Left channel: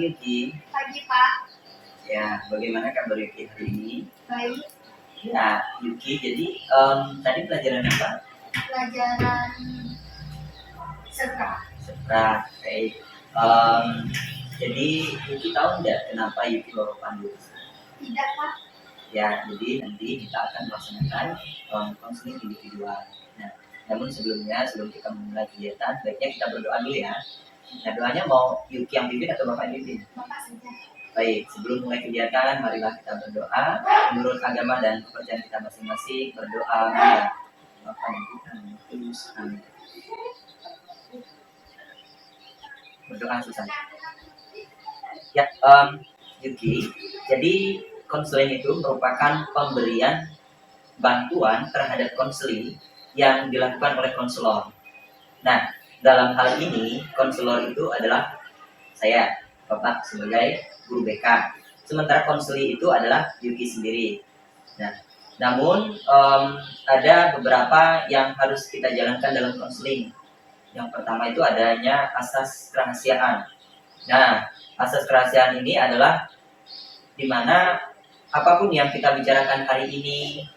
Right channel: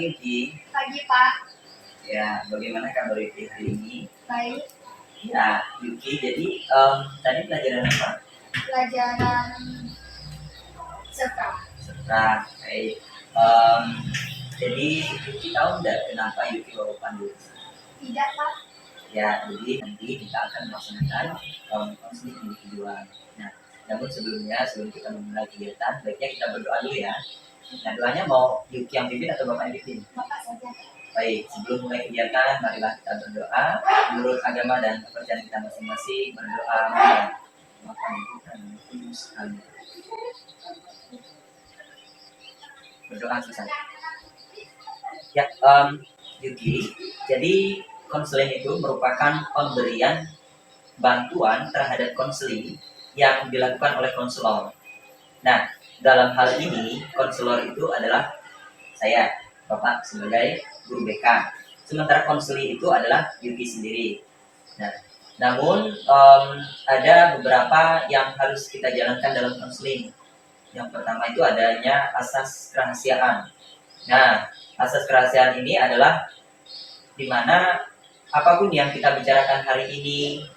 pagi Yuki. Pagi Pak. Ya, bagaimana kabar Yuki hari ini? Baik. Ya, Yuki. Jadi tadi pelajaran apa? Pelajaran Sekra. Sekra. Baik. Jadi Yuki tahu nggak kenapa Yuki bawa pandu? Tidak Pak. Ya, jadi nanti kita akan melaksanakan konseling individual. Nah, namun sebelum kita memulai kegiatan, baiknya kita berdoa dulu ya. Nah, doanya mau Yuki yang pimpin atau Bapak yang pimpin? Bapak saja. Baik, sebelum mulai kegiatan, marilah kita berdoa menurut agama dan kepercayaan kita masing-masing. Berdoa Bapa yang kita Kudus. Berdoa susah. Ya, Yuki. Jadi konseling itu merupakan pemberian bantuan terhadap konseling yang dilakukan oleh konselor. Nah, dalam hal ini konselor itu adalah saya, Bapak sebagai guru BK. Sementara konseli itu adalah Yuki sendiri. Nah, namun ada beberapa yang harus kita jalankan dalam konseling. Yang pertama itu adanya asas kerahasiaan. Nah, asas kerahasiaan ini adalah di mana apapun yang kita bicarakan hari ini,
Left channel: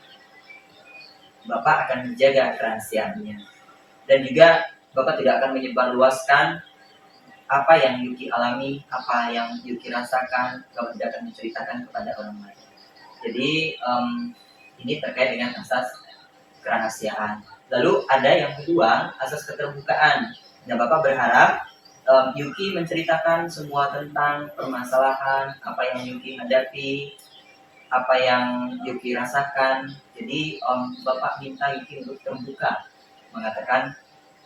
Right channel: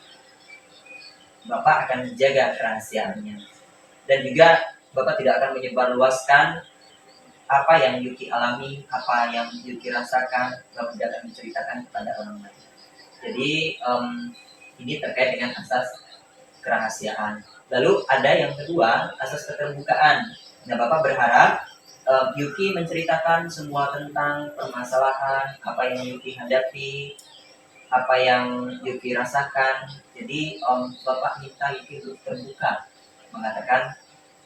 Bapak akan menjaga kerahasiaannya. Dan juga Bapak tidak akan menyebarluaskan apa yang Yuki alami, apa yang Yuki rasakan, Bapak tidak akan menceritakan kepada orang lain. Jadi ini terkait dengan asas kerahasiaan. Lalu ada yang kedua, asas keterbukaan. Dan Bapak berharap Yuki menceritakan semua tentang permasalahan, apa yang Yuki hadapi, apa yang Yuki rasakan. Jadi Bapak minta Yuki untuk terbuka, mengatakan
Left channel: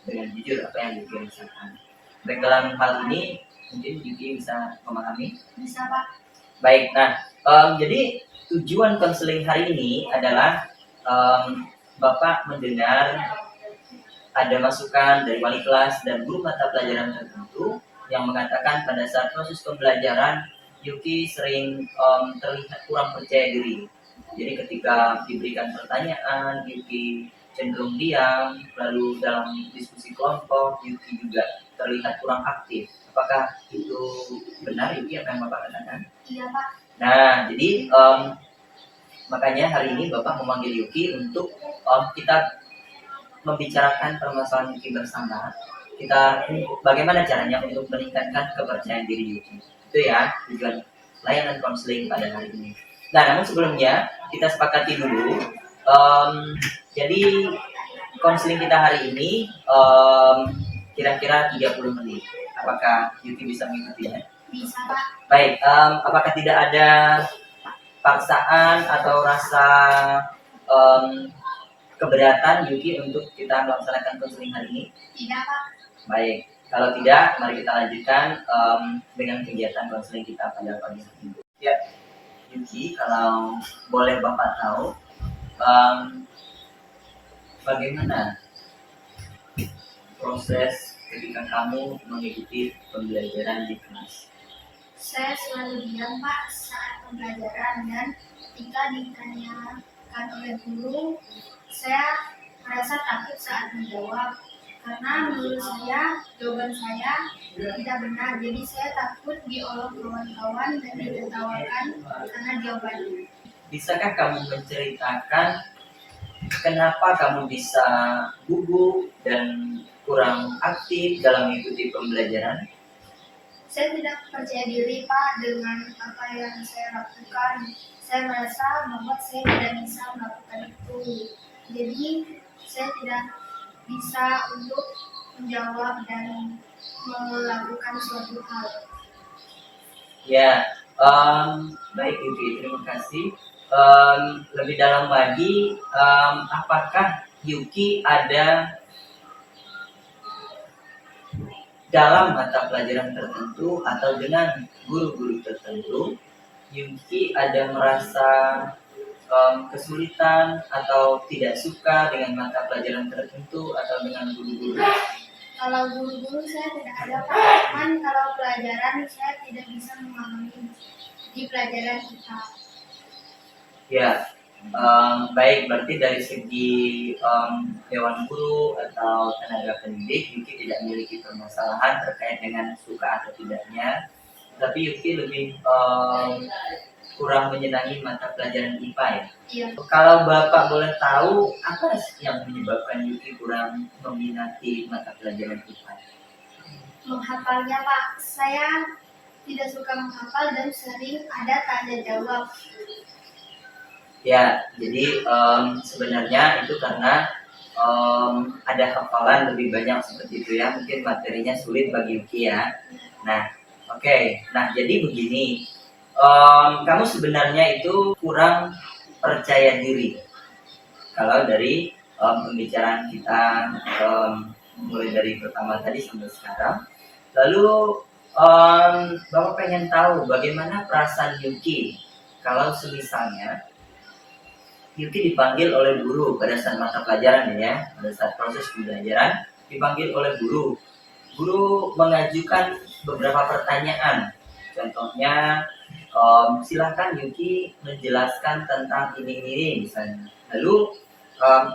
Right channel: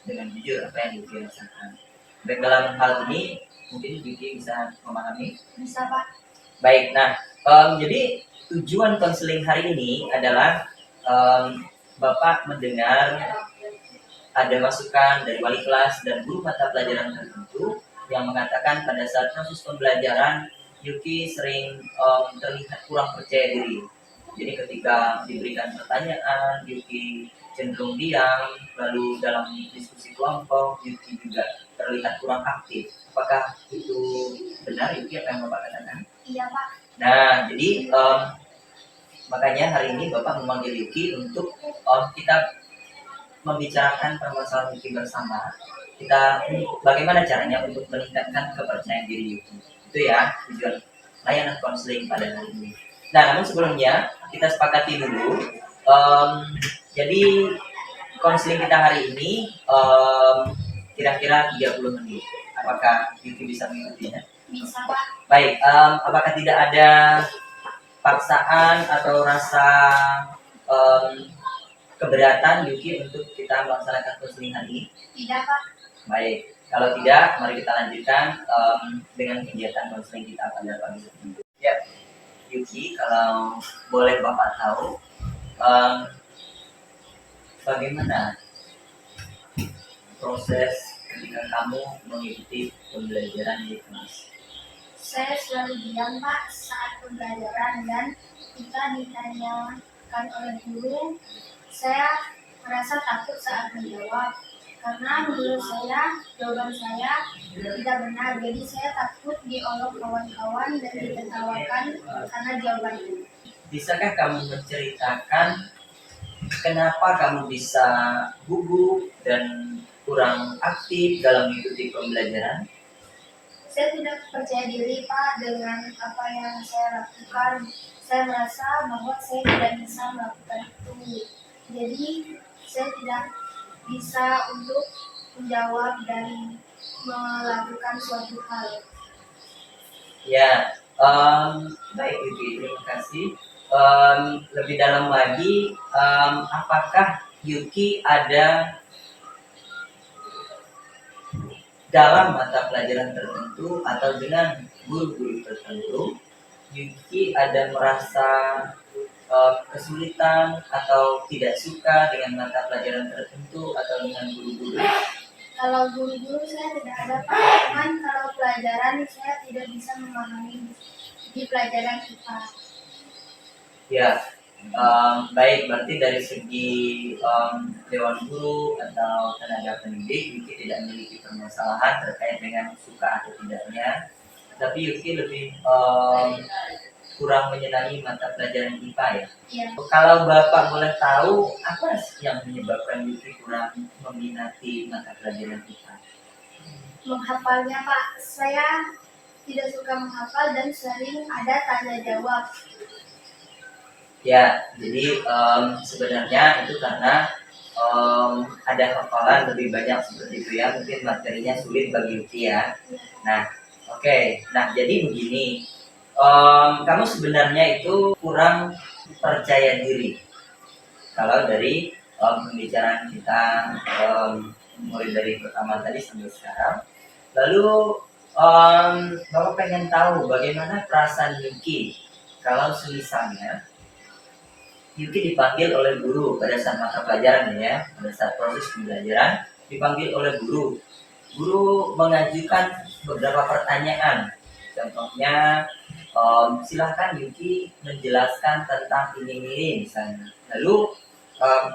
dengan jujur apa yang Yuki rasakan. Baik, dalam hal ini mungkin Yuki bisa memahami? Bisa Pak. Baik, nah jadi tujuan konseling hari ini adalah Bapak mendengar ada masukan dari wali kelas dan guru mata pelajaran tertentu yang mengatakan pada saat proses pembelajaran Yuki sering terlihat kurang percaya diri. Jadi ketika diberikan pertanyaan, Yuki cenderung diam, lalu dalam diskusi kelompok, Yuki juga terlihat kurang aktif. Apakah itu benar Yuki apa yang Bapak katakan? Iya Pak. Nah, jadi makanya hari ini Bapak memanggil Yuki untuk kita membicarakan permasalahan Yuki bersama. Kita bagaimana caranya untuk meningkatkan kepercayaan diri Yuki. Itu ya tujuan layanan konseling pada hari ini. Nah, namun sebelumnya kita sepakati dulu. Jadi konseling kita hari ini kira-kira 30 menit. Apakah Yuki bisa mengikutinya? Bisa Pak. Baik, apakah tidak ada paksaan atau rasa keberatan Yuki untuk kita melaksanakan konseling hari ini? Tidak Pak. Baik, kalau tidak, mari kita lanjutkan dengan kegiatan konseling kita pada pagi ini. Ya, Yuki, kalau boleh Bapak tahu, bagaimana proses ketika kamu mengikuti pembelajaran di kelas? Saya selalu diam Pak saat pembelajaran dan ketika ditanyakan oleh guru, saya merasa takut saat menjawab. Karena menurut saya, jawaban saya tidak benar. Jadi saya takut diolok kawan-kawan dan ditertawakan karena jawabannya. Bisakah kamu menceritakan kenapa kamu bisa gugup dan kurang aktif dalam mengikuti pembelajaran? Saya tidak percaya diri Pak dengan apa yang saya lakukan. Saya merasa bahwa saya tidak bisa melakukan itu. Jadi saya tidak bisa untuk menjawab dan melakukan suatu hal. Ya, baik Yuki, terima kasih. Lebih dalam lagi, apakah Yuki ada dalam mata pelajaran tertentu atau dengan guru-guru tertentu, Yuki ada merasa kesulitan atau tidak suka dengan mata pelajaran tertentu atau dengan guru-guru? Kalau guru-guru saya tidak ada Pak, cuman kalau pelajaran saya tidak bisa memahami di pelajaran IPA. Ya, baik, berarti dari segi dewan guru atau tenaga pendidik Yuki tidak memiliki permasalahan terkait dengan suka atau tidaknya tapi Yuki lebih kurang menyenangi mata pelajaran IPA ya. Iya. Kalau Bapak boleh tahu apa sih yang menyebabkan Yuki kurang meminati mata pelajaran IPA? Menghafalnya Pak, saya tidak suka menghafal dan sering ada tanya jawab. Ya, jadi sebenarnya itu karena ada hafalan lebih banyak seperti itu ya, mungkin materinya sulit bagi Yuki ya. Nah, oke. Nah, jadi begini, kamu sebenarnya itu kurang percaya diri. Kalau dari pembicaraan kita mulai dari pertama tadi sampai sekarang, lalu Bapak pengen tahu bagaimana perasaan Yuki kalau semisalnya Yuki dipanggil oleh guru pada saat mata pelajaran ya, pada saat proses pembelajaran dipanggil oleh guru. Guru mengajukan beberapa pertanyaan. Contohnya, silahkan Yuki menjelaskan tentang ini misalnya. Lalu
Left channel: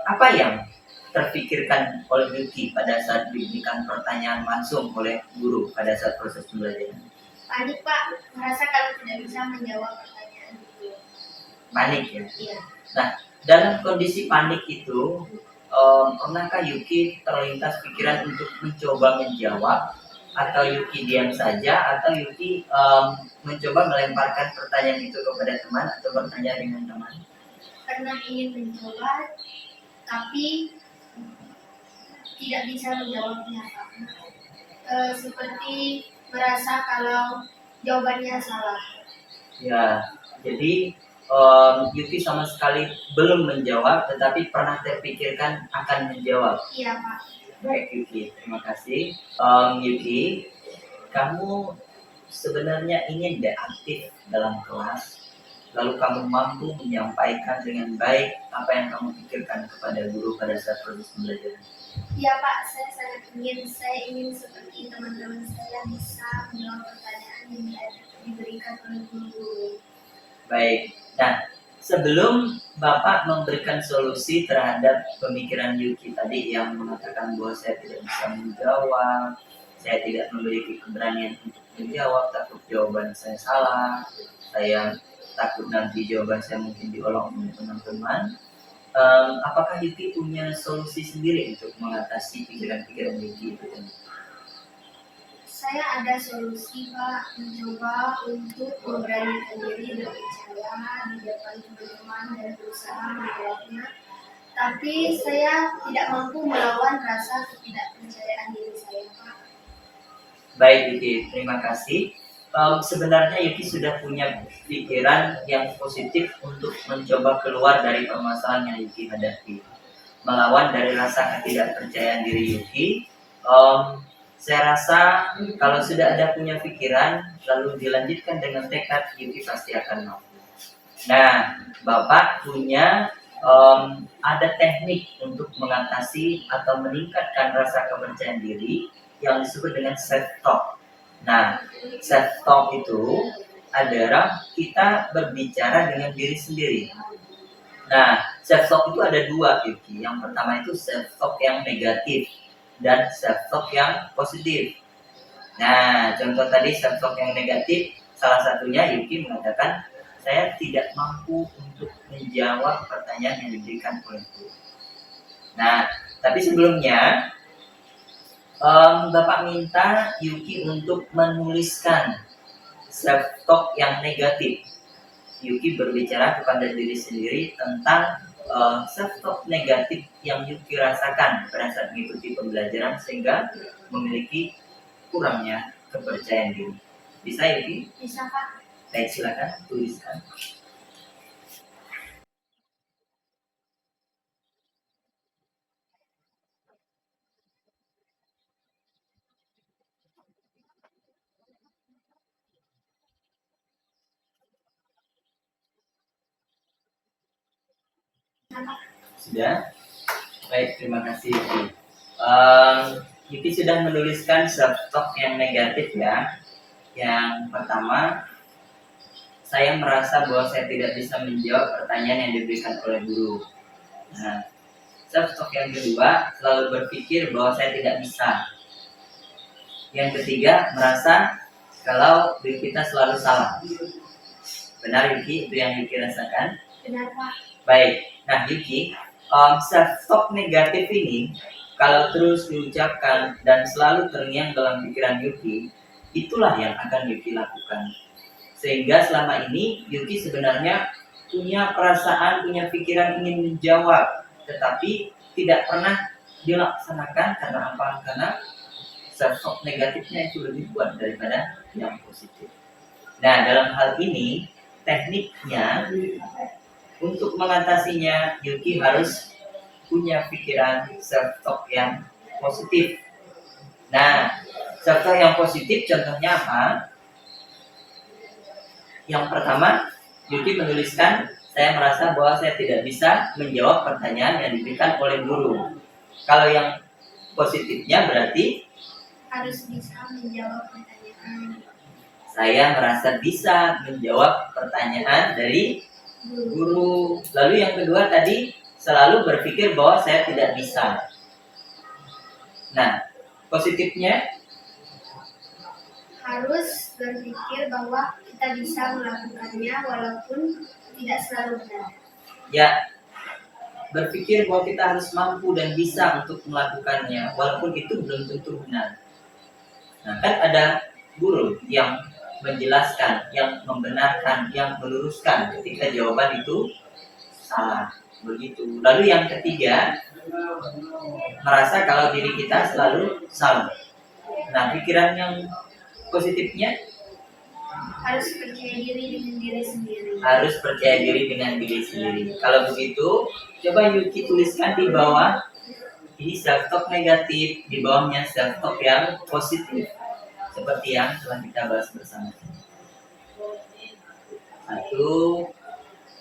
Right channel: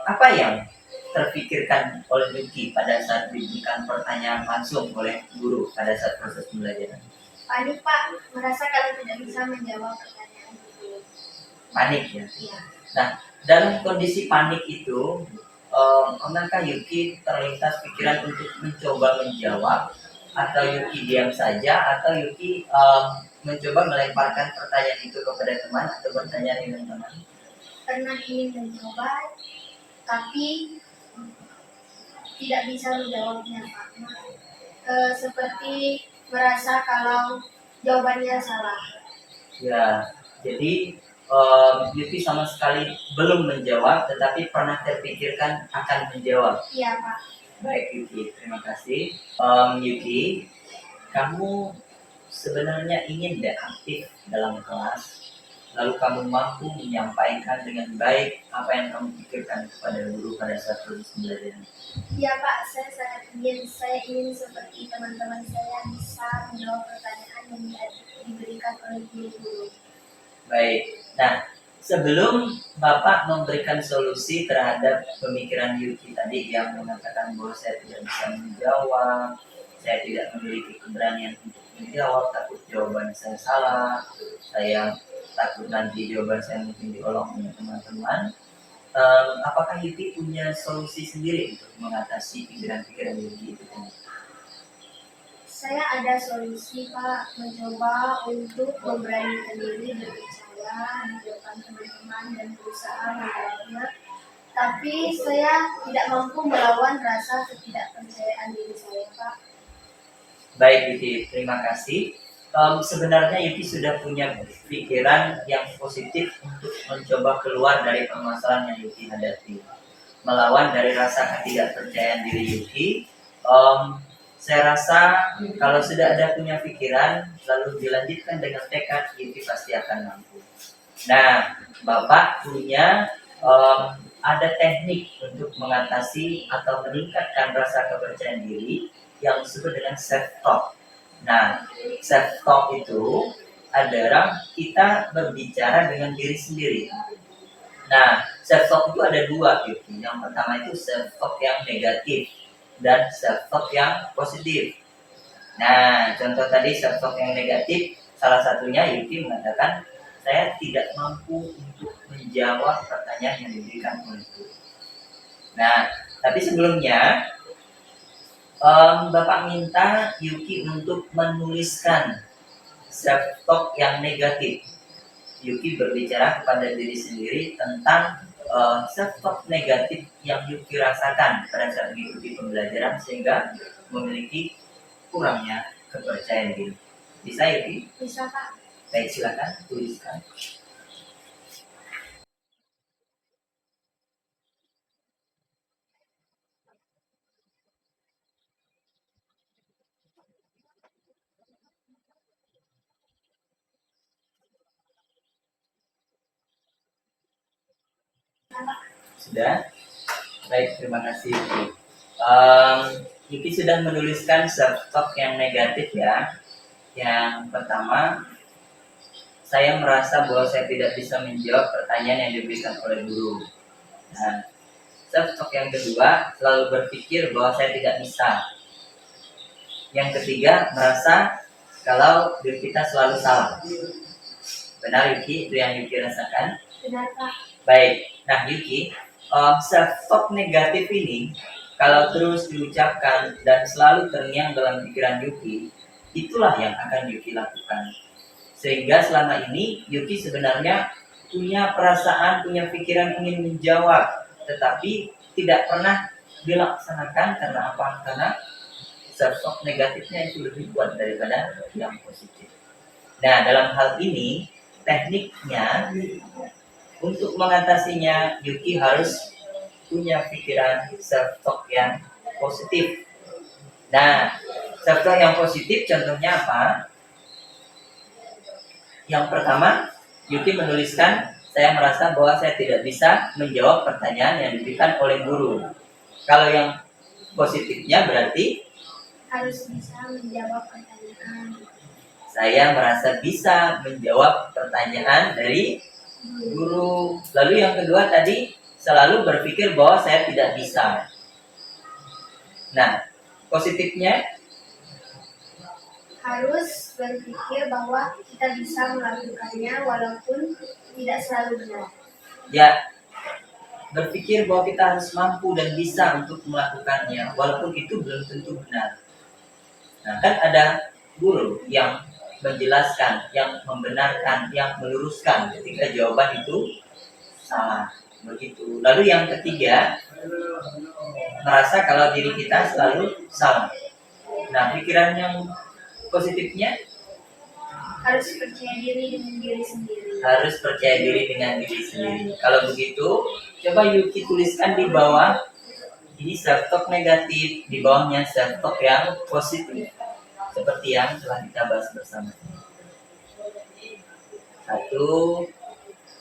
apa yang terpikirkan oleh Yuki pada saat diberikan pertanyaan langsung oleh guru pada saat proses pembelajaran? Panik Pak, merasa kalau tidak bisa menjawab pertanyaan itu. Panik ya? Iya. Nah, dalam kondisi panik itu, pernahkah Yuki terlintas pikiran untuk mencoba menjawab, atau Yuki diam saja, atau Yuki mencoba melemparkan pertanyaan itu kepada teman atau bertanya dengan teman? Pernah ingin mencoba, tapi tidak bisa menjawabnya Pak. Seperti merasa kalau jawabannya salah. Ya, jadi Yuki sama sekali belum menjawab, tetapi pernah terpikirkan akan menjawab. Iya Pak. Baik Yuki, terima kasih. Yuki, kamu sebenarnya ingin deh aktif dalam kelas, lalu kamu mampu menyampaikan dengan baik apa yang kamu pikirkan kepada guru pada saat proses pembelajaran. Iya Pak, saya sangat ingin. Saya ingin seperti teman-teman saya bisa menjawab pertanyaan yang diberikan oleh guru-guru. Baik, nah sebelum Bapak memberikan solusi terhadap pemikiran Yuki tadi yang mengatakan bahwa saya tidak bisa menjawab, saya tidak memiliki keberanian untuk menjawab, takut jawaban saya salah, saya takut nanti jawaban saya mungkin diolok oleh teman-teman. Apakah Yuki punya solusi sendiri untuk mengatasi pikiran-pikiran Yuki itu? Saya ada solusi Pak, mencoba untuk memberanikan diri berbicara di depan teman-teman dan berusaha menjawabnya. Tapi saya tidak mampu melawan rasa ketidakpercayaan diri saya Pak. Baik Yuki, terima kasih. Sebenarnya Yuki sudah punya pikiran yang positif untuk mencoba keluar dari permasalahan yang Yuki hadapi. Melawan dari rasa ketidakpercayaan diri Yuki, saya rasa kalau sudah ada punya pikiran, lalu dilanjutkan dengan tekad, Yuki pasti akan mampu. Nah, Bapak punya ada teknik untuk mengatasi atau meningkatkan rasa kepercayaan diri yang disebut dengan self-talk. Nah, self-talk itu adalah kita berbicara dengan diri sendiri. Nah, self-talk itu ada dua, Yuki. Yang pertama itu self-talk yang negatif dan self-talk yang positif. Nah, contoh tadi self-talk yang negatif, salah satunya Yuki mengatakan, saya tidak mampu untuk menjawab pertanyaan yang diberikan oleh guru. Nah, tapi sebelumnya, Bapak minta Yuki untuk menuliskan self-talk yang negatif. Yuki berbicara kepada diri sendiri tentang self-talk negatif yang Yuki rasakan pada saat mengikuti pembelajaran sehingga memiliki kurangnya kepercayaan diri. Bisa Yuki? Bisa Pak. Baik, silakan tuliskan. Sudah? Baik, terima kasih Yuki. Yuki sudah menuliskan self-talk yang negatif ya. Yang pertama, saya merasa bahwa saya tidak bisa menjawab pertanyaan yang diberikan oleh guru. Nah, self-talk yang kedua, selalu berpikir bahwa saya tidak bisa. Yang ketiga, merasa kalau diri kita selalu salah. Benar Yuki, itu yang Yuki rasakan? Benar Pak. Baik, nah Yuki, self-talk negatif ini kalau terus diucapkan dan selalu terngiang dalam pikiran Yuki, itulah yang akan Yuki lakukan. Sehingga selama ini Yuki sebenarnya punya perasaan, punya pikiran ingin menjawab, tetapi tidak pernah dilaksanakan. Karena apa? Karena self-talk negatifnya itu lebih kuat daripada yang positif. Nah, dalam hal ini tekniknya untuk mengatasinya, Yuki harus punya pikiran self-talk yang positif. Nah, self-talk yang positif contohnya apa? Yang pertama, Yuki menuliskan, saya merasa bahwa saya tidak bisa menjawab pertanyaan yang diberikan oleh guru. Kalau yang positifnya berarti Harus bisa menjawab pertanyaan. saya merasa bisa menjawab pertanyaan dari guru. Lalu yang kedua tadi, selalu berpikir bahwa saya tidak bisa. Nah, positifnya Harus berpikir bahwa kita bisa melakukannya walaupun tidak selalu benar. ya, berpikir bahwa kita harus mampu dan bisa untuk melakukannya walaupun itu belum tentu benar. Nah, kan ada guru yang menjelaskan, yang membenarkan, yang meluruskan ketika jawaban itu salah. Begitu. Lalu yang ketiga, merasa kalau diri kita selalu salah. Nah, pikiran yang positifnya Harus percaya diri dengan diri sendiri. harus percaya diri dengan diri sendiri. Kalau begitu, coba Yuki tuliskan di bawah. Ini self-talk negatif, di bawahnya self-talk yang positif. Seperti yang telah kita bahas bersama. Satu,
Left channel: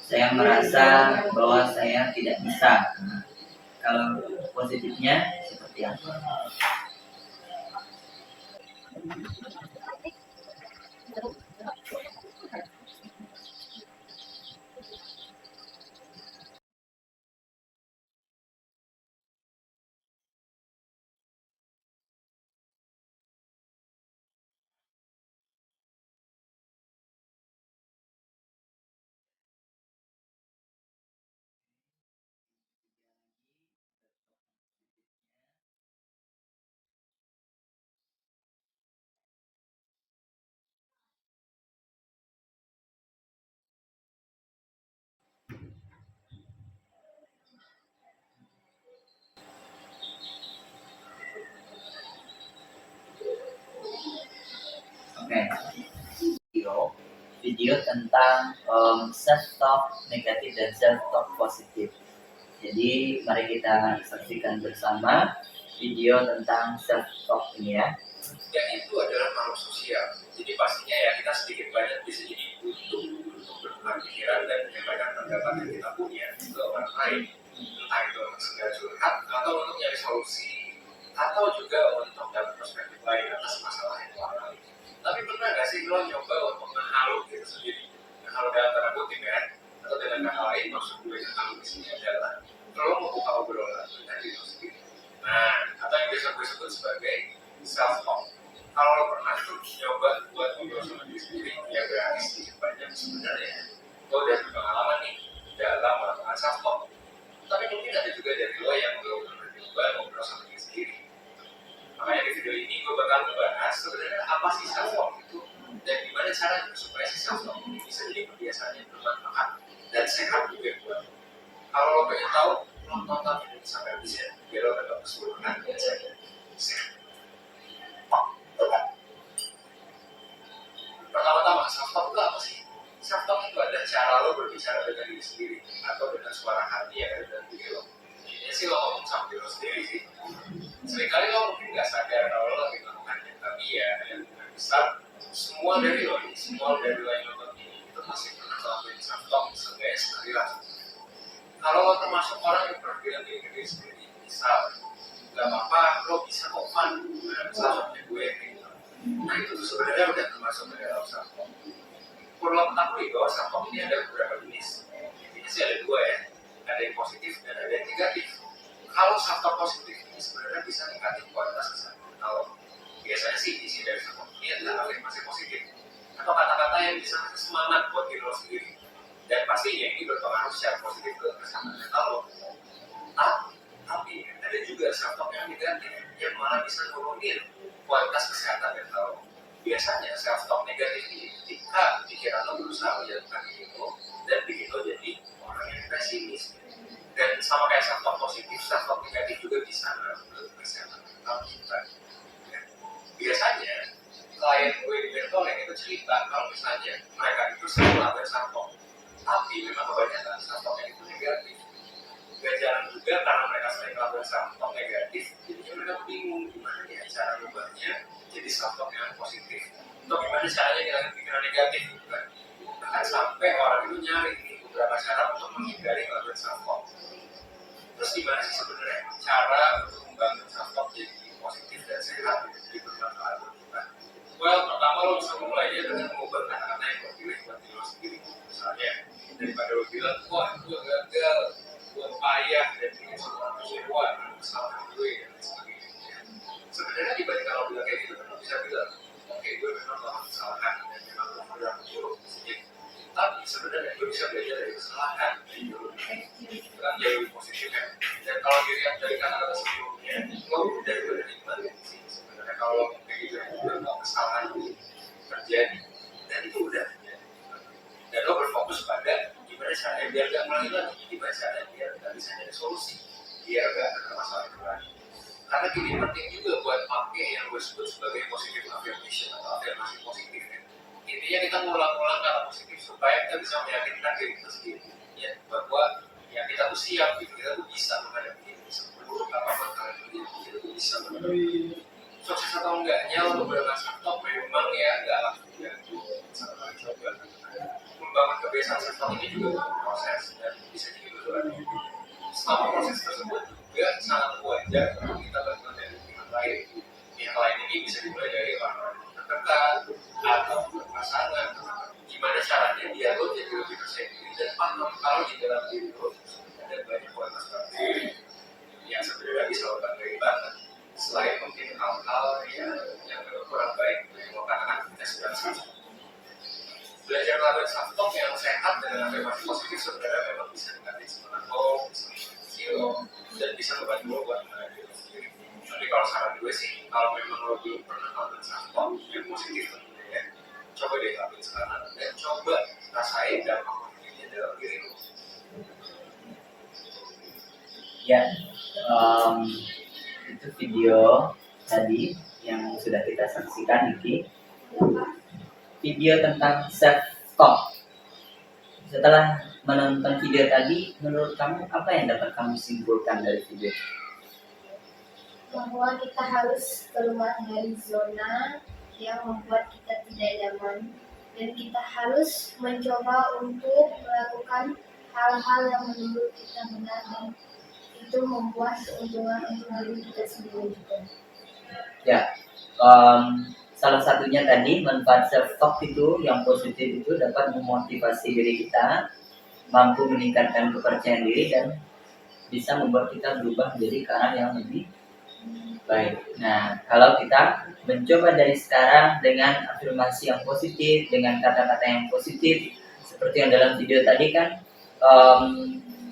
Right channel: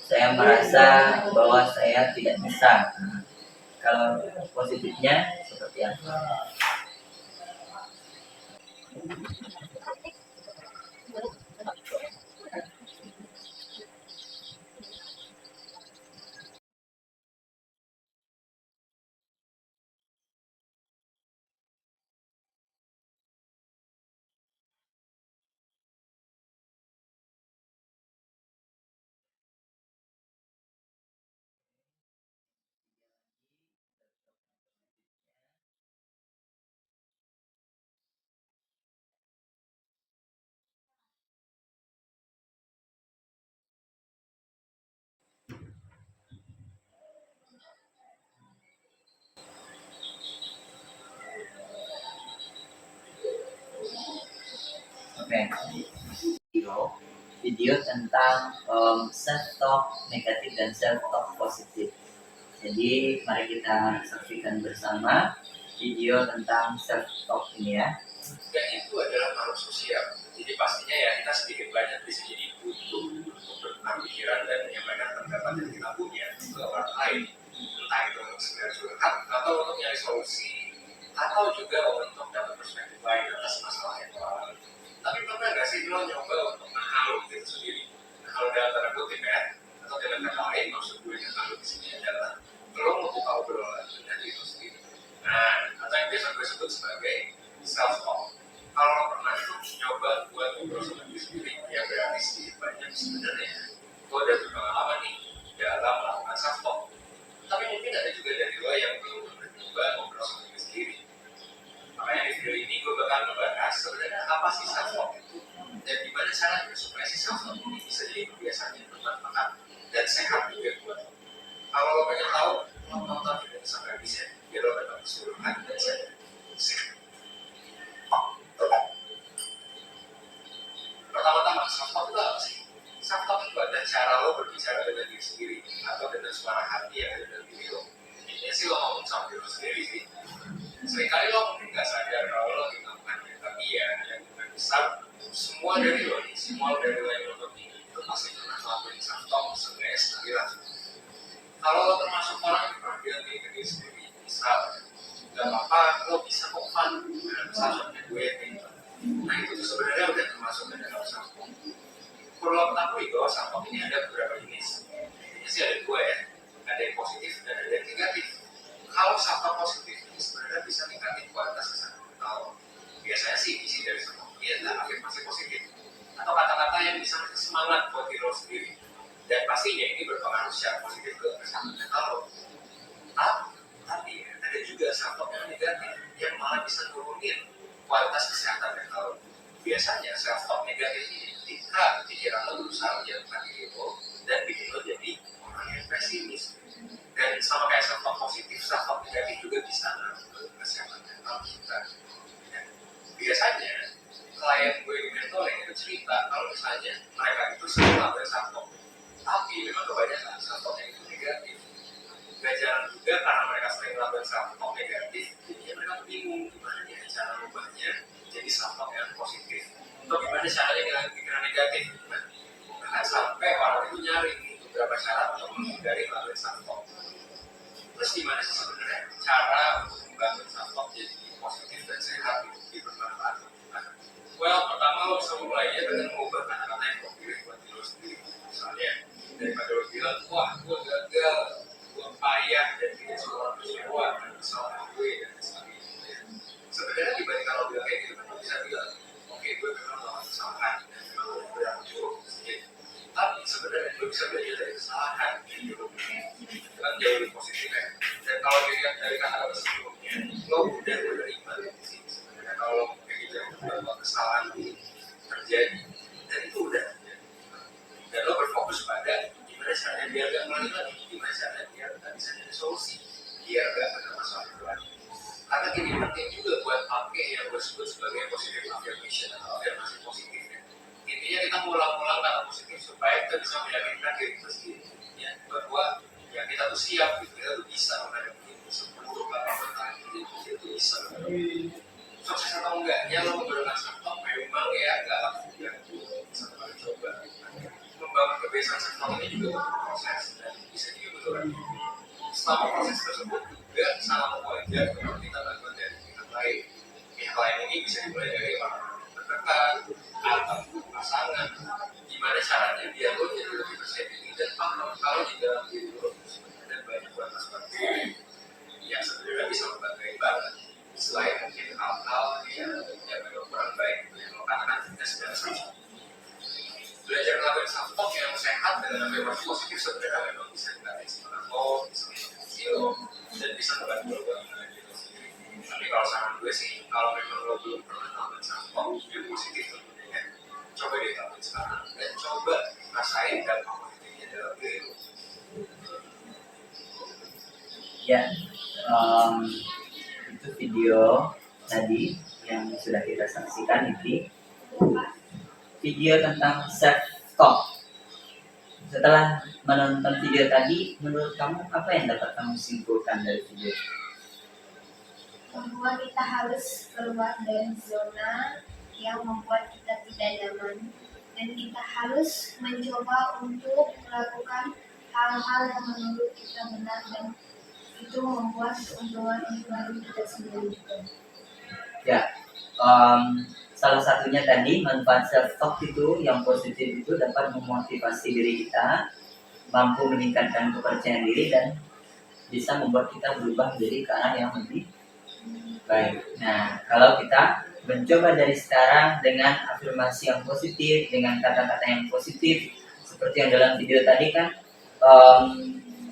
saya merasa bahwa saya tidak bisa. Kalau positifnya seperti apa? Oke. Video tentang self-talk negatif dan self-talk positif. Jadi mari kita saksikan bersama video tentang self-talk ini ya. Dan itu adalah makhluk sosial. Jadi pastinya ya kita sedikit banyak bisa jadi butuh untuk bertukar pikiran dan menyampaikan pendapat yang kita punya ke orang lain. Entah itu untuk sekedar curhat atau untuk nyari solusi atau juga untuk dapat perspektif lain atas masalah yang lo alami. Tapi pernah nggak sih lo nyoba untuk ngehalu diri sendiri? Ngehalu dalam tanda kutip ya, atau dengan kata lain maksud gue ngehalu di sini adalah lo membuka obrolan dengan diri lo sendiri. Nah, atau yang biasa gue sebut sebagai self-talk. Kalau lo pernah tuh nyoba buat ngobrol sama diri sendiri, ya berarti sedikit banyak sebenarnya lo udah berpengalaman nih dalam melakukan self-talk. Tapi mungkin ada juga dari lo yang belum pernah nyoba ngobrol sama diri sendiri. Makanya di video ini gue bakal ngebahas sebenarnya apa sih self-talk itu dan gimana caranya supaya si self-talk ini bisa jadi kebiasaan yang bermanfaat dan sehat juga buat lo. Kalau lo pengen tahu, lo tonton video ini sampai habis ya, biar lo dapat keseluruhan dan sehat. Pertama-tama, self-talk itu apa sih? Self-talk itu adalah cara lo berbicara dengan diri sendiri atau dengan suara hati yang ada dalam diri lo. Intinya sih lo ngomong sama diri lo sendiri sih. Seringkali lo mungkin nggak sadar kalau lo lagi melakukannya, tapi ya yang besar semua dari lo nih, semua dari lo yang nonton ini itu pasti pernah ngelakuin self-talk sekali lah. Kalau lo termasuk orang yang pernah bilang ke diri sendiri, misal nggak apa-apa, lo bisa kok fun, salah satunya gue kayak gitu. Nah itu tuh sebenarnya udah termasuk ke dalam self-talk. Perlu lo ketahui bahwa self-talk ini ada beberapa jenis. Intinya sih ada dua ya, ada yang positif dan ada yang negatif. Kalau self-talk positif ini sebenarnya bisa meningkatkan kualitas kesehatan mental. Biasanya sih isi dari self-talk ini adalah afirmasi positif. ini berpengaruh secara positif ke kesehatan mental lo. Tapi ada juga self talk yang negatif yang malah bisa nurunin kualitas kesehatan mental lo. Biasanya self talk negatif ini ketika pikiran lo berusaha menjatuhkan diri lo dan bikin lo jadi orang yang pesimis. Dan sama kayak self talk positif, self talk negatif juga bisa ngaruh ke kesehatan mental kita. Ya. Biasanya klien gue di mentoring itu cerita kalau misalnya mereka itu sering melakukan self talk, tapi memang kebanyakan self talk itu negatif. Gak jarang juga karena mereka sering melakukan self talk negatif, jadinya mereka bingung gimana ya cara mengubahnya jadi self talk yang positif. Atau gimana caranya ngilangin pikiran negatif gitu kan. Bahkan sampai orang itu nyari beberapa cara untuk menghindari melakukan self talk. Terus gimana sih sebenarnya cara untuk membangun self talk jadi positif dan sehat gitu, jadi bermanfaat buat kita? Well, pertama lo bisa mulai ya dengan mengubah kata-kata yang lo pilih buat diri lo sendiri. Misalnya daripada lo bilang, wah gue gagal, gue payah dan bikin semua orang kecewa karena kesalahan gue dan sebagainya. Sebenarnya dibanding kalau bilang kayak gitu kan lo bisa bilang, oke gue memang melakukan kesalahan dan memang gue berdampak buruk sedikit. Tapi sebenarnya lo bisa belajar dari kesalahan gitu. Itu kan jauh lebih positif ya. Dan kalau dilihat dari kata-kata sebelumnya, lo udah menerima sih sebenarnya kalau lo kayak gitu ya, udah kesalahan terjadi dan itu udah ya. Dan lo berfokus pada gimana caranya biar gak ngulangi lagi, gimana caranya biar gak bisa ada solusi, biar gak ada masalah itu lagi. Karena ini penting juga buat pakai yang gue sebut sebagai positive affirmation atau afirmasi positif ya. Intinya kita ngulang-ngulang kata positif supaya kita bisa meyakinkan diri kita sendiri ya, bahwa ya kita tuh siap gitu, kita tuh bisa menghadapi ini, seburuk apapun kalian itu kita tuh bisa menghadapi. Sukses atau enggaknya lo menggunakan self talk memang ya gak langsung juga satu kali coba. Membangun kebiasaan self talk ini juga butuh proses dan bisa juga butuh lagi. Selama proses tersebut juga sangat wajar kalau kita bantuan dari pihak lain. Pihak lain ini bisa dimulai dari orang-orang terdekat atau pasangan. Gimana caranya biar lo jadi lebih percaya diri dan paham kalau di dalam diri lo ada banyak kualitas bakteri yang sebenarnya bisa lo banggain banget. Selain mungkin hal-hal yang kurang baik yang lo katakan ketika sedang self-talk. Belajar melakukan self-talk yang sehat dengan afirmasi positif sebenarnya memang bisa mengatasi semangat lo, bisa mengatasi lo, dan bisa membantu lo buat mengenai diri lo sendiri. Tapi kalau saran gue sih, kalau memang lo belum pernah melakukan self-talk yang positif tentunya ya, coba deh lakuin sekarang dan coba rasain dampak positifnya dalam diri lo. Ya, itu video tadi yang sudah kita saksikan ini video tentang self talk. Setelah menonton video tadi, menurut kamu apa yang dapat kamu simpulkan dari video? Bahwa kita harus keluar dari zona yang membuat kita tidak nyaman dan kita harus mencoba untuk melakukan hal-hal yang menurut kita benar dan itu membuat keuntungan untuk diri kita sendiri juga. Ya, salah satunya tadi manfaat self talk itu yang positif itu dapat memotivasi diri kita, mampu meningkatkan kepercayaan diri dan bisa membuat kita berubah menjadi ke arah yang lebih baik. Nah, kalau kita mencoba dari sekarang dengan afirmasi yang positif, dengan kata-kata yang positif, seperti yang dalam video tadi kan,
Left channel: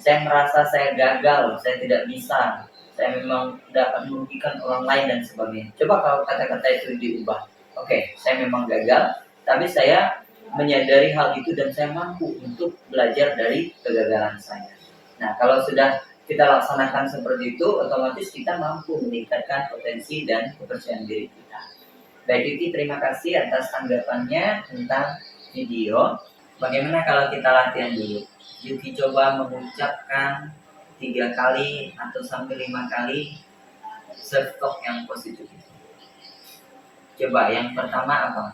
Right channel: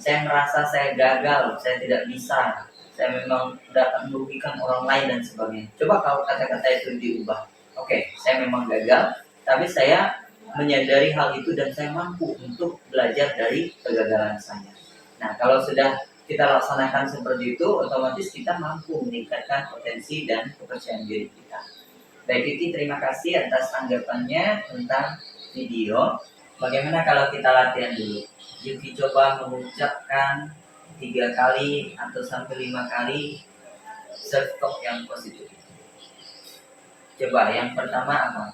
saya merasa saya gagal, saya tidak bisa, saya memang dapat merugikan orang lain dan sebagainya. Coba kalau kata-kata itu diubah. Oke, saya memang gagal, tapi saya menyadari hal itu dan saya mampu untuk belajar dari kegagalan saya. Nah, kalau sudah kita laksanakan seperti itu, otomatis kita mampu meningkatkan potensi dan kepercayaan diri kita. Baik, Titi, terima kasih atas tanggapannya tentang video. Bagaimana kalau kita latihan dulu? Yuki coba mengucapkan 3 kali atau sampai 5 kali self-talk yang positif. Coba, yang pertama apa?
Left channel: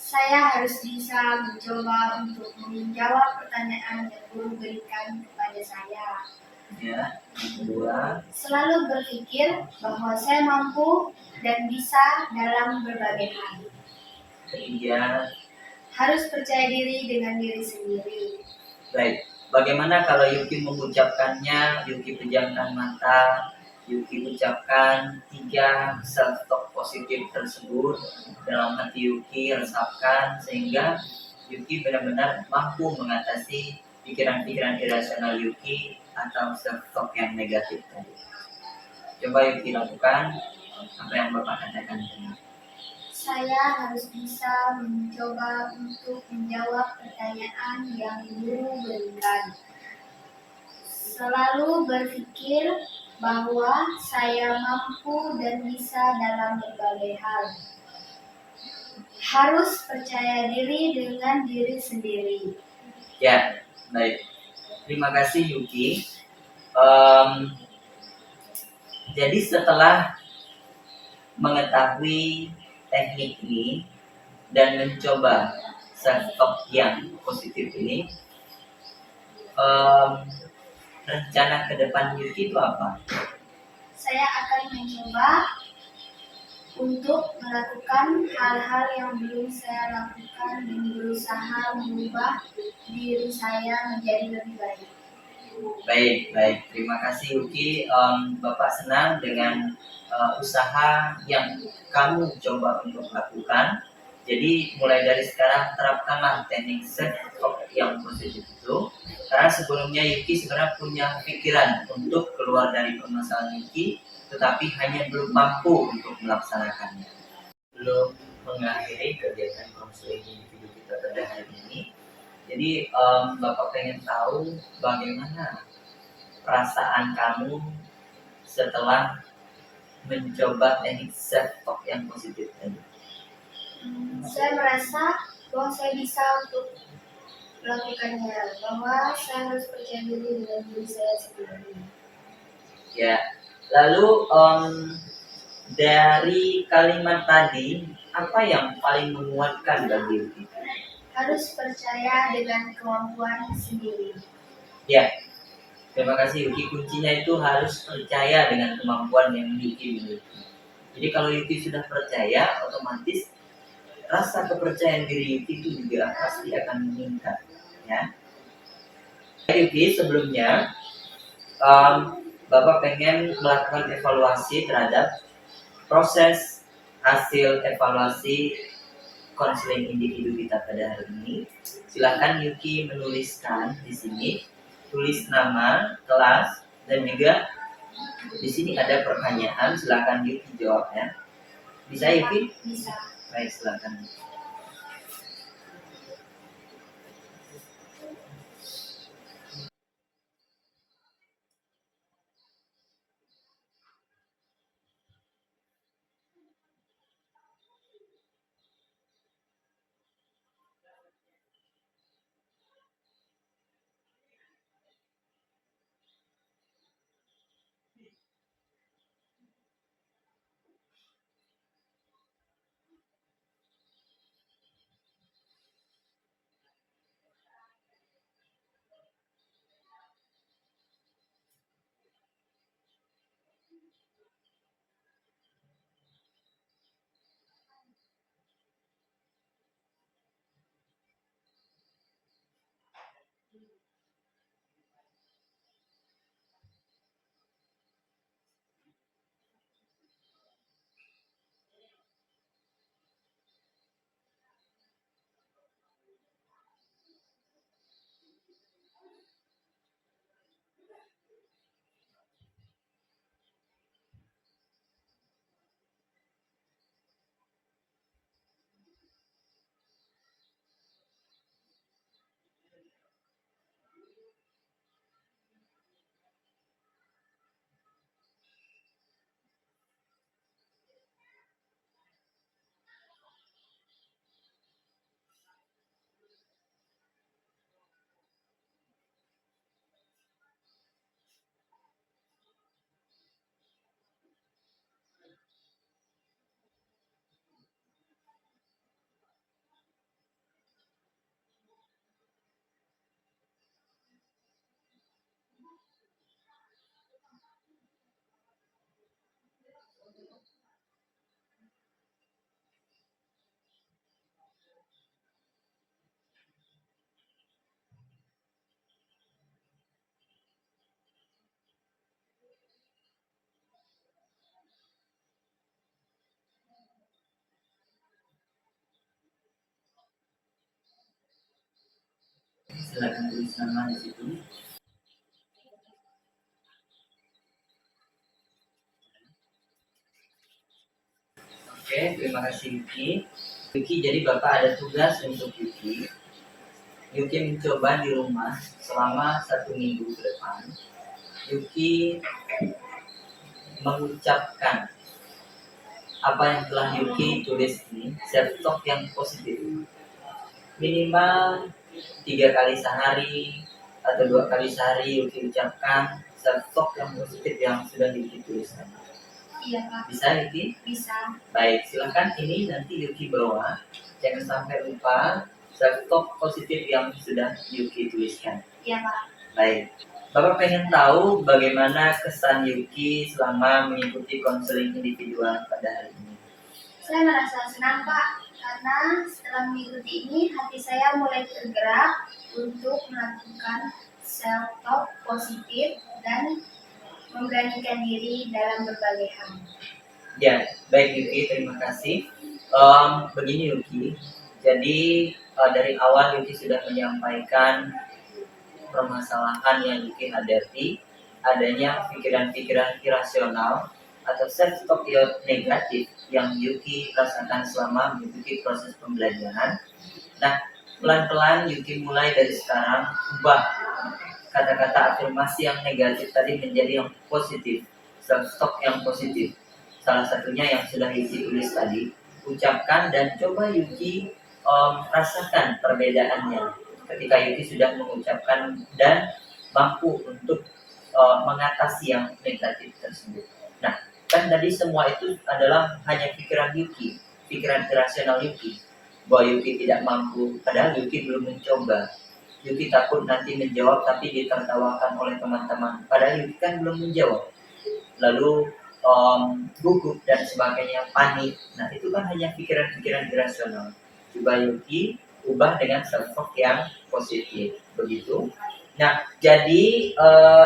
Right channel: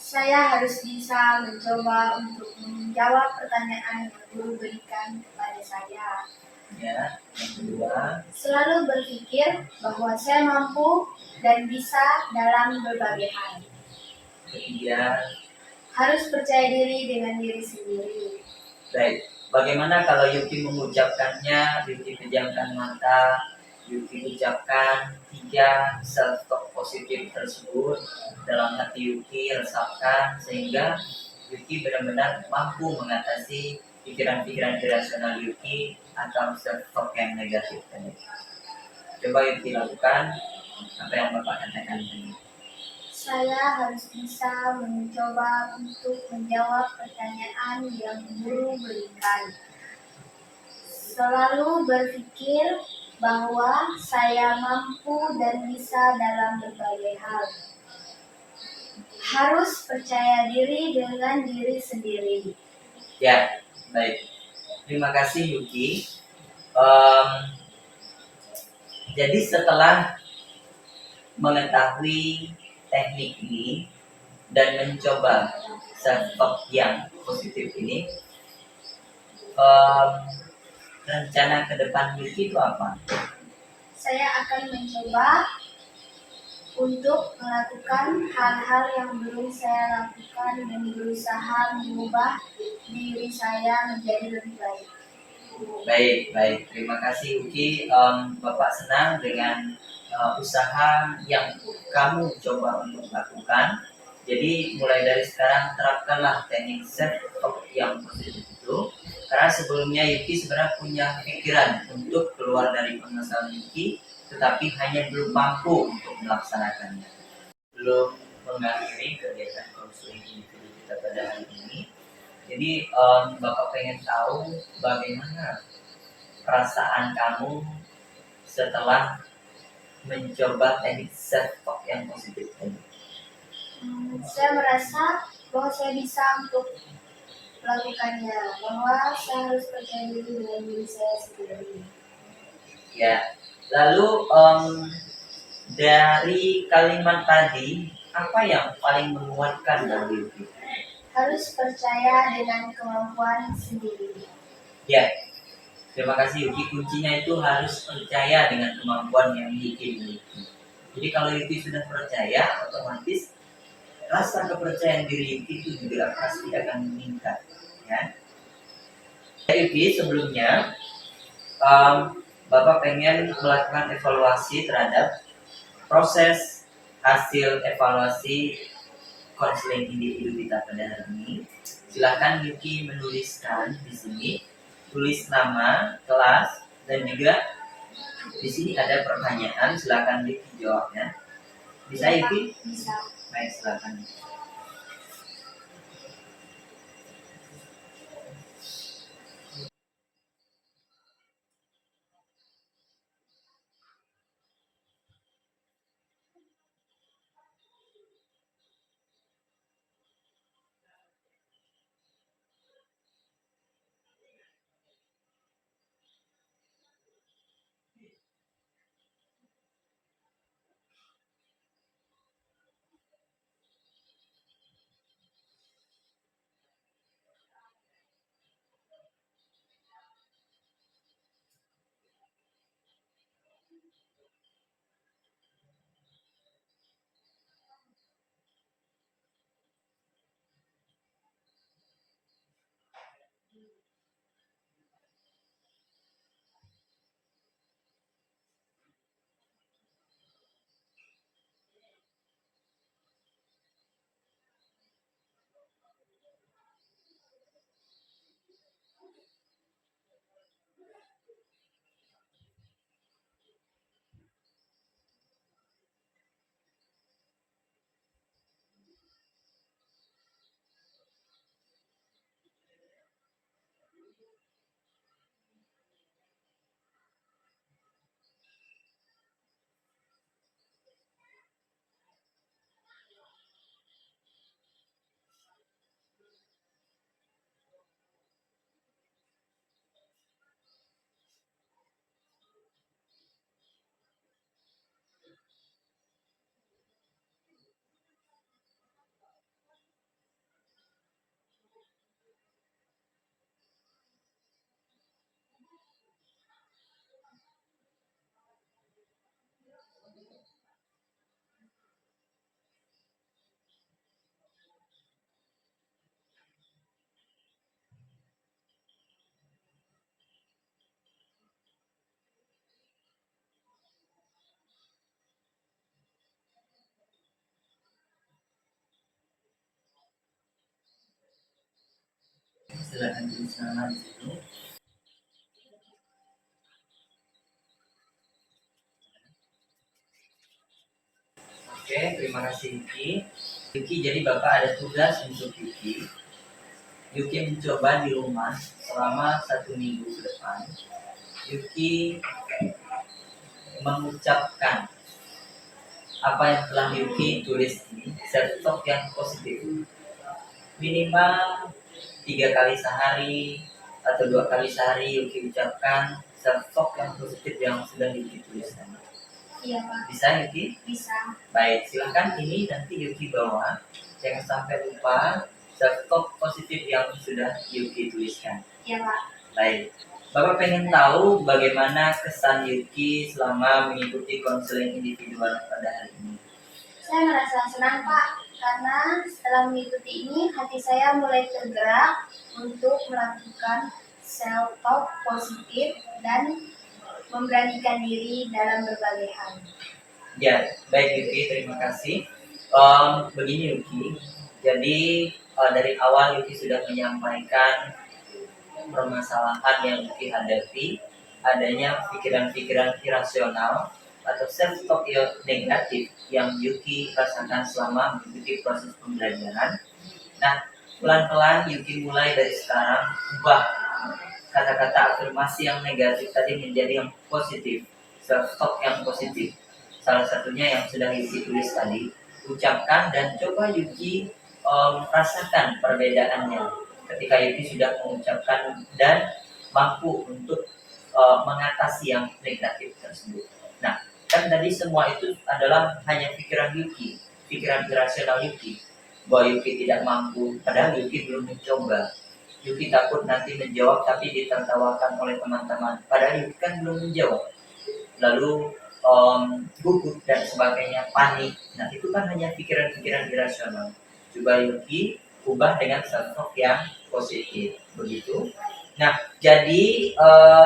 Saya harus bisa mencoba untuk menjawab pertanyaan yang guru berikan kepada saya. Ya, yang kedua. Selalu berpikir bahwa saya mampu dan bisa dalam berbagai hal. Ketiga. Harus percaya diri dengan diri sendiri. Baik, bagaimana kalau Yuki mengucapkannya? Yuki pejamkan mata, Yuki ucapkan 3 self-talk positif tersebut dalam hati Yuki, resapkan sehingga Yuki benar-benar mampu mengatasi pikiran-pikiran irasional Yuki atau self-talk yang negatif tadi. Coba Yuki lakukan apa yang Bapak katakan tadi. Saya harus bisa mencoba untuk menjawab pertanyaan yang guru berikan. Selalu berpikir bahwa saya mampu dan bisa dalam berbagai hal. Harus percaya diri dengan diri sendiri. Ya, baik. Terima kasih Yuki. Em, jadi setelah mengetahui teknik ini dan mencoba self-talk yang positif ini, em, rencana ke depan Yuki itu apa? Saya akan mencoba untuk melakukan hal-hal yang belum saya lakukan dan berusaha mengubah diri saya menjadi lebih baik. Baik. Terima kasih Yuki. Bapak senang dengan usaha yang kamu coba untuk lakukan. Jadi mulai dari sekarang terapkanlah teknik self-talk yang positif itu. Karena sebelumnya Yuki sebenarnya punya pikiran untuk keluar dari permasalahan Yuki, tetapi hanya belum mampu untuk melaksanakannya. Belum mengakhiri kegiatan konseling individu kita pada hari ini. Jadi Bapak pengen tahu bagaimana perasaan kamu setelah mencoba teknik self-talk yang positif tadi. Saya merasa bahwa saya bisa untuk melakukannya, bahwa saya harus percaya diri dengan diri saya sendiri. Ya, lalu dari kalimat tadi apa yang paling menguatkan bagi Yuki? Harus percaya dengan kemampuan sendiri. Ya, terima kasih Yuki. Kuncinya itu harus percaya dengan kemampuan yang Yuki miliki. Jadi kalau Yuki sudah percaya, otomatis rasa kepercayaan diri Yuki itu juga pasti akan meningkat. Ya, Yuki sebelumnya Bapak pengen melakukan evaluasi terhadap proses hasil evaluasi konseling individu kita pada hari ini. Silahkan Yuki menuliskan di sini, tulis nama, kelas, dan juga di sini ada pertanyaan. Silahkan Yuki jawabnya. Bisa Yuki? Bisa. Baik, silahkan. Silakan tulis nama di situ. Oke, terima kasih Yuki. Yuki, jadi Bapak ada tugas untuk Yuki. Yuki mencoba di rumah selama 1 minggu ke depan. Yuki mengucapkan apa yang telah Yuki tulis ini, self talk yang positif. Minimal 3 kali sehari atau 2 kali sehari Yuki ucapkan self talk yang positif yang sudah Yuki tuliskan. Iya Pak. Bisa Yuki? Bisa. Baik, silakan ini nanti Yuki bawa. Jangan sampai lupa self talk positif yang sudah Yuki tuliskan. Iya Pak. Baik. Bapak pengen tahu bagaimana kesan Yuki selama mengikuti konseling individual pada hari ini. Saya merasa senang Pak, karena setelah mengikuti ini hati saya mulai tergerak untuk melakukan self-talk positif dan memberanikan diri dalam berbagai hal. Ya, baik Yuki, terima kasih. Begini Yuki, jadi dari awal Yuki sudah menyampaikan permasalahan yang Yuki hadapi, adanya pikiran-pikiran irasional atau self-talk yang negatif yang Yuki rasakan selama mengikuti proses pembelajaran. Nah, pelan-pelan Yuki mulai dari sekarang ubah kata-kata afirmasi yang negatif tadi menjadi yang positif, self-talk yang positif. Salah satunya yang sudah Yuki tulis tadi, ucapkan dan coba Yuki rasakan perbedaannya ketika Yuki sudah mengucapkan dan mampu untuk mengatasi yang negatif tersebut. Nah, kan tadi semua itu adalah hanya pikiran Yuki, pikiran irasional Yuki, bahwa Yuki tidak mampu, padahal Yuki belum mencoba. Yuki takut nanti menjawab tapi ditertawakan oleh teman-teman, padahal Yuki kan belum menjawab. Lalu gugup dan sebagainya, panik. Nah, itu kan hanya pikiran-pikiran irasional. Coba Yuki ubah dengan self-talk yang positif, begitu. Nah, jadi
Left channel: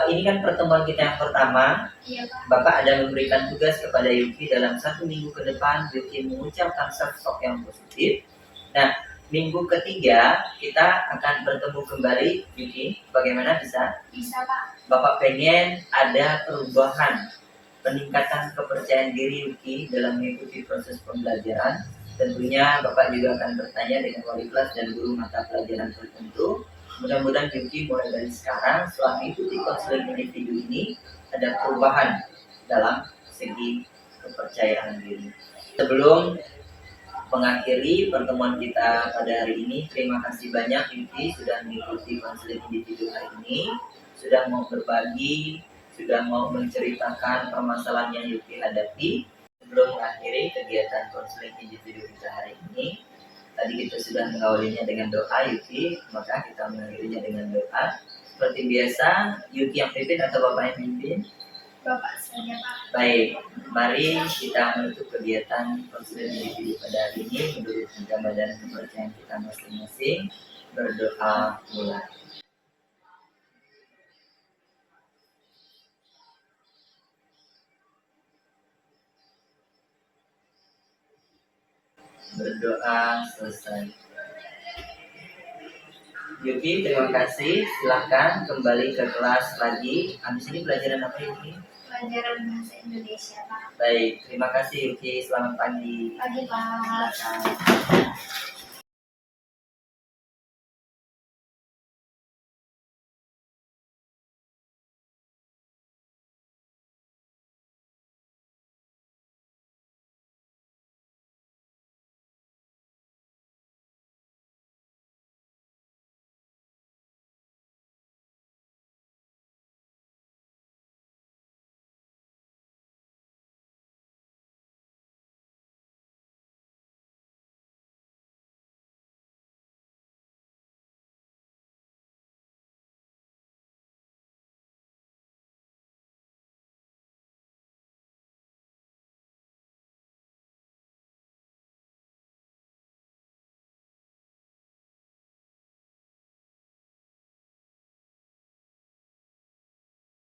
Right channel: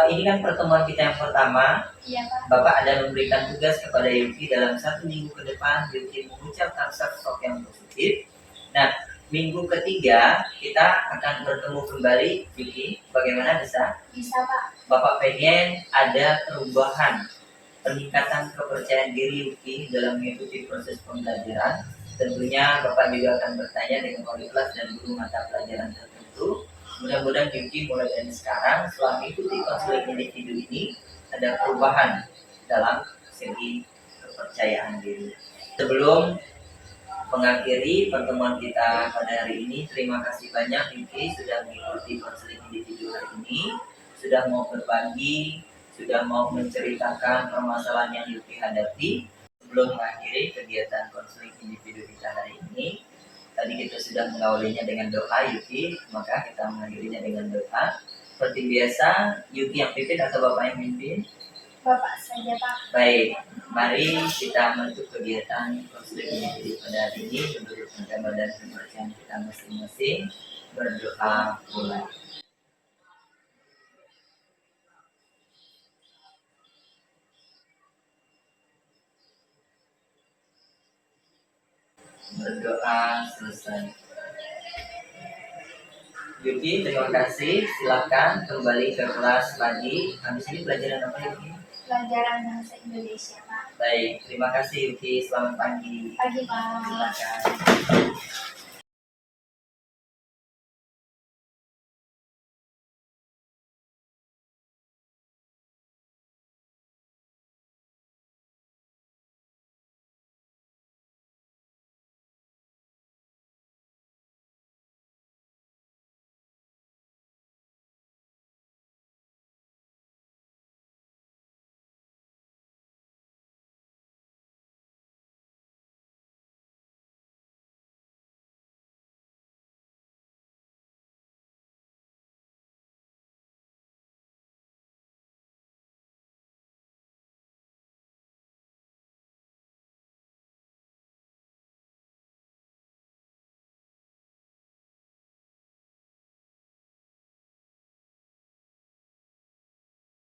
ini kan pertemuan kita yang pertama. Iya Pak. Bapak ada memberikan tugas kepada Yuki dalam 1 minggu ke depan Yuki mengucapkan self-talk yang positif. Nah, minggu ketiga kita akan bertemu kembali Yuki. Bagaimana, bisa? Bisa Pak. Bapak pengen ada perubahan, peningkatan kepercayaan diri Yuki dalam mengikuti proses pembelajaran. Tentunya Bapak juga akan bertanya dengan wali kelas dan guru mata pelajaran tertentu. Mudah-mudahan Yuki mulai dari sekarang setelah mengikuti konseling individu ini ada perubahan dalam segi kepercayaan diri. Sebelum mengakhiri pertemuan kita pada hari ini, terima kasih banyak Yuki sudah mengikuti konseling individu hari ini, sudah mau berbagi, sudah mau menceritakan permasalahan yang Yuki hadapi. Sebelum mengakhiri kegiatan konseling individu kita hari ini, tadi kita sudah mengawalinya dengan doa Yuki, maka kita mengakhirinya dengan doa. Seperti biasa, Yuki yang pimpin atau Bapak yang pimpin? Bapak saja Pak. Baik, mari kita menutup kegiatan konseling individu pada hari ini menurut agama dan kepercayaan kita masing-masing. Berdoa mulai. Berdoa selesai. Yuki, terima kasih. Silakan kembali ke kelas lagi. Habis ini pelajaran apa Yuki? Pelajaran bahasa Indonesia Pak. Baik, terima kasih Yuki. Selamat pagi. Pagi Pak. Silakan.